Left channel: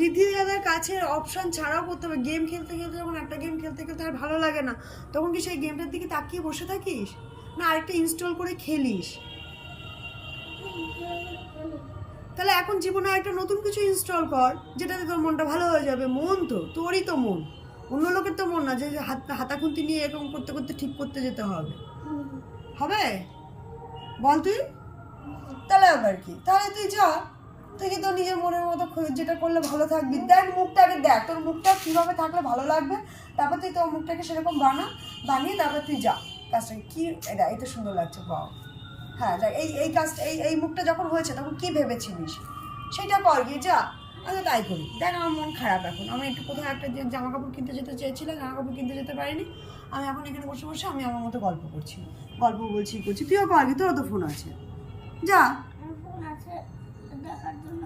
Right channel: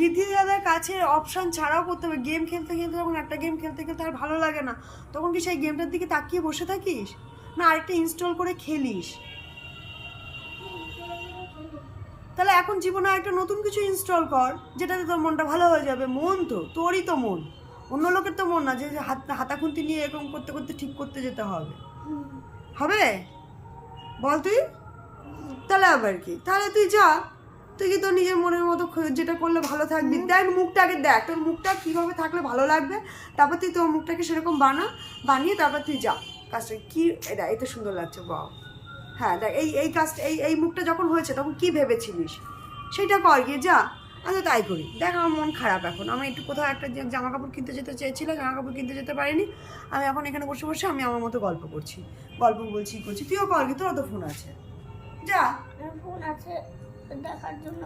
রিদ্ধি দাদার কাছে অপশন ছাড়াও করতে হবে। গেম খেলতে খেলতে যখন একটা গেম খেলতে খেলতে আর ভালো লাগে না, তখন কি সেই গেমটার দিকে তাকিয়ে বসে থাকিস, না আরেকটা ইনস্টল করে খেলিস? তাহলে এখন জীবনে একটা নতুন কিছু ইনস্টল কর, যেটাতে তোর মনটা ভালো হয়ে যাবে। মন তো তোরই তো মন, অন্য লোকের তো মন না যে হাতাখুন্তি নিয়ে এরকম করতে করতে ঠিক করতে যেতে হবে। হবে বল তুই? তাহলে আবার কি, তাহলে তুই যা, তুই কি তোর নিজের মনের মতো যেটা করলে ভালো থাকবি। দেখ মুখটাকে দেখ, তোর মুখটা কীভাবে থাকলে ভালো লাগবে, তারপর তুই তোর মুখটাকে সেরকম বানিয়ে তারপর তুই যা কাজটা। কি এটা সুন্দর লাগছে, বাহ। হ্যাঁ দেখ, এই কাজটা, এই মুখটা যখন হয়েছে তখন কি ভেবেছিলিস সেইটা কর গিয়ে যা। আচ্ছা তাই করি। দেখ আমার মন খারাপ এখন, আমি একটু কোথাও একটা জামা কাপড় কিনতে যেতে চেয়েছিলাম, জামা কাপড় কিনতে যেতে পারিনি। আমি এখন এখানে বসে বসে আমি আমার মতো গল্প করছি, গল্প বলছি, করছি। তুইও পারবি, তোরও তো ফোন আছে, যা। ফোন আছে দেখার জন্য।